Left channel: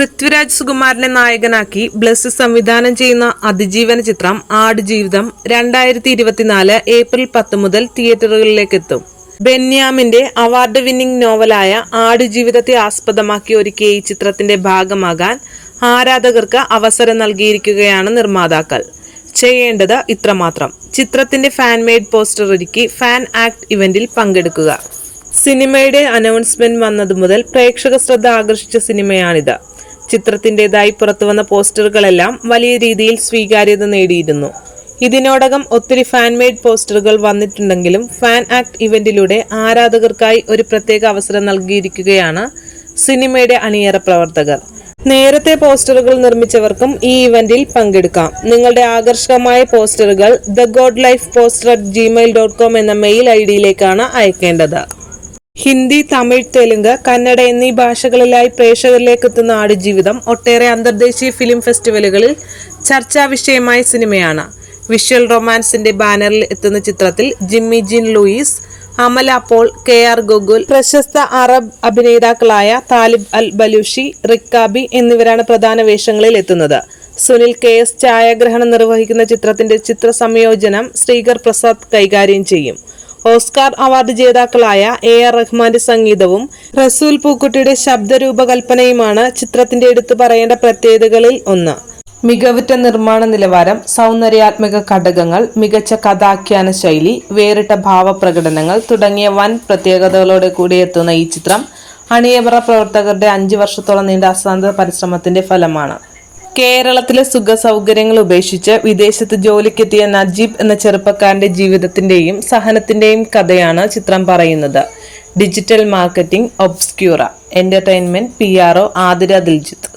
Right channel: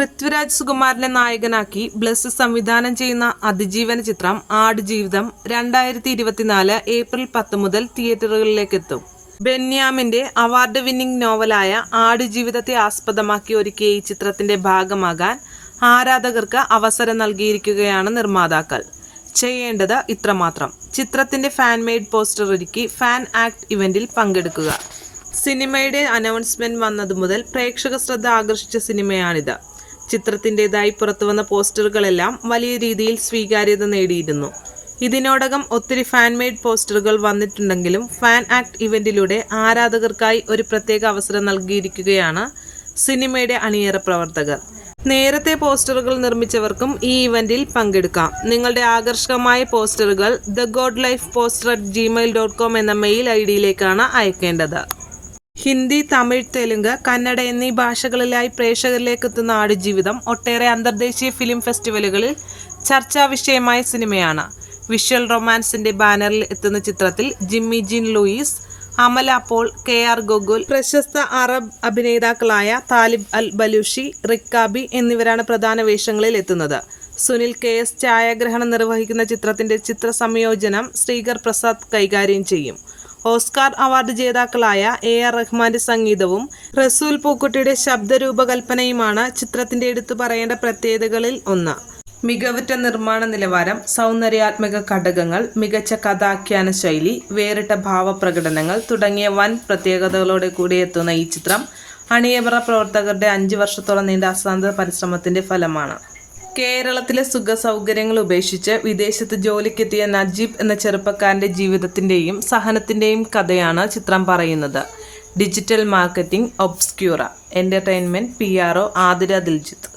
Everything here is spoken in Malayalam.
പൃഥ്വിരാജ് സുകുമാരനെ നായകനാക്കി ബ്ലസ് സംവിധാനം ചെയ്യുന്ന അതിജീവന ചിത്രം ആടുജീവിതം രണ്ടായിരത്തി ഇരുപത്തിനാല് ഏപ്രിൽ പത്ത് മുതൽ തിയേറ്ററുകളിലേക്ക് എത്തും ബെന്യാമിന്റെ അവാർഡ് വിന്നിംഗ് നോവലായ ആടുജീവിതത്തെ ആസ്പദമാക്കി ഒരുക്കിയ ഈ ചിത്രത്തിന്റെ ഭാഗമാകാൻ ആരാധകർക്ക് അവസരം നൽകിയിരിക്കുകയാണ് നിർമ്മാതാക്കൾ. ചെയ്യേണ്ടത് ഇത്രമാത്രം. ചിത്രത്തിന്റെ ഫാൻ മെയ്ഡ് പോസ്റ്റർ ഒരുക്കി ഫാൻ ആക്ട് ഇവന്റിൽ പങ്കെടുക്കുക. സിനിമയുടെ അനൗൺസ്മെന്റ് വന്നതു മുതൽ പ്രേക്ഷക ശ്രദ്ധ ആകർഷിച്ച സിനിമയാണിത്. ചിത്രത്തിന്റെതായി പുറത്തുവന്ന പോസ്റ്ററുകളെല്ലാം വലിയ രീതിയിൽ സ്വീകാര്യത നേടിയിരുന്നു. ഇതിനോടകം ഒത്തിരി ഫാൻ മെയ്ഡ് പോസ്റ്ററുകൾ വന്നിട്ടുണ്ടെങ്കിലും ഫാൻ ആക്ട് ഇവന്റിലൂടെ ആരാധകർക്കായി ഒരു പ്രത്യേക അവസരം നൽകിയിരിക്കുകയാണ് സിനിമയുടെ അണിയറ പ്രവർത്തകർ. നേരത്തെ പോസ്റ്ററുകൾ നിർമ്മിച്ചവർക്കും ഈ ഇവന്റിൽ പങ്കെടുക്കാം. നിങ്ങളുടെ ആകർഷകമായ പോസ്റ്ററുകൾ the god life poster at Gmail dot com എന്ന മെയിൽ ഐ ഡിയിലേക്കാണ് അയക്കേണ്ടത്. ഹിന്ദി തമിഴ് തെലുങ്ക് കന്നഡ എന്നീ ഭാഷകളിലായി പ്രേക്ഷകരിലേക്ക് എത്തുന്ന ആടുജീവിതം ഒട്ടേറെ അന്തർദേശീയ ഫിലിം ഫെസ്റ്റിവലുകളിൽ ചർച്ചാ വിഷയമായ സിനിമയാണ്. വിഷ്വൽ റൊമാൻസിന്റെ ബാനറിൽ എത്തുന്ന ചിത്രത്തിൽ Jimmy Jean Louis Amala Paul K R Gokul പ്രശസ്ത അറബ് അഭിനേതാക്കളായ താലിബ് അൽ ബലൂഷി റിക്കാബി എന്നിവരാണ് പ്രധാന വേഷങ്ങളിൽ എത്തുന്നത്. സുനിൽ കെ എസ് ഛായാഗ്രഹണം നിർവഹിക്കുന്ന ചിത്രത്തിന്റെ ചിത്ര സംയോജനം ശ്രീകർ പ്രസാദ് കൈകാര്യം ചെയ്യും. ഓസ്കാർ അവാർഡ് ജേതാക്കളായ എ ആർ റഹ്മാന്റെ സംഗീതവും റസൂൽ പൂക്കുട്ടിയുടെ ശബ്ദരൂപകൽപ്പനയുമാണ് ചിത്രത്തിന്റെ എടുത്തു പറയേണ്ട പ്രത്യേകതകളിൽ ഒന്ന്. മികവുറ്റ നിർമ്മാണ നിലവാരം സൗന്ദര്യാത്മക ഘടകങ്ങൾ മികച്ച കഥാഖ്യാന ശൈലി വേറിട്ട ഭാവപ്രകടനങ്ങൾ തുടങ്ങിയ വൻ പ്രത്യേകതകളോടെ കൂടി എത്തുന്ന ഈ ചിത്രം അണിയറ പ്രവർത്തകരുടെ അഞ്ചു വർഷത്തോളം നീണ്ട അസാന്ത പരിശ്രമത്തിന്റെ ഫലമാണ്. കേരളത്തിലെ സുഖ സൗകര്യങ്ങൾ ഉപേക്ഷിച്ച് വിദേശത്ത് ജോലിക്കെത്തിയ നജീബ് എന്ന ചെറുപ്പക്കാരന്റെ ജീവിതത്തിന്റെയും സഹനത്തിന്റെയും കഥയാണ് ചിത്രം പറയുന്നത്. Digital marketing Obscura entertainment P R O Athira Diljith.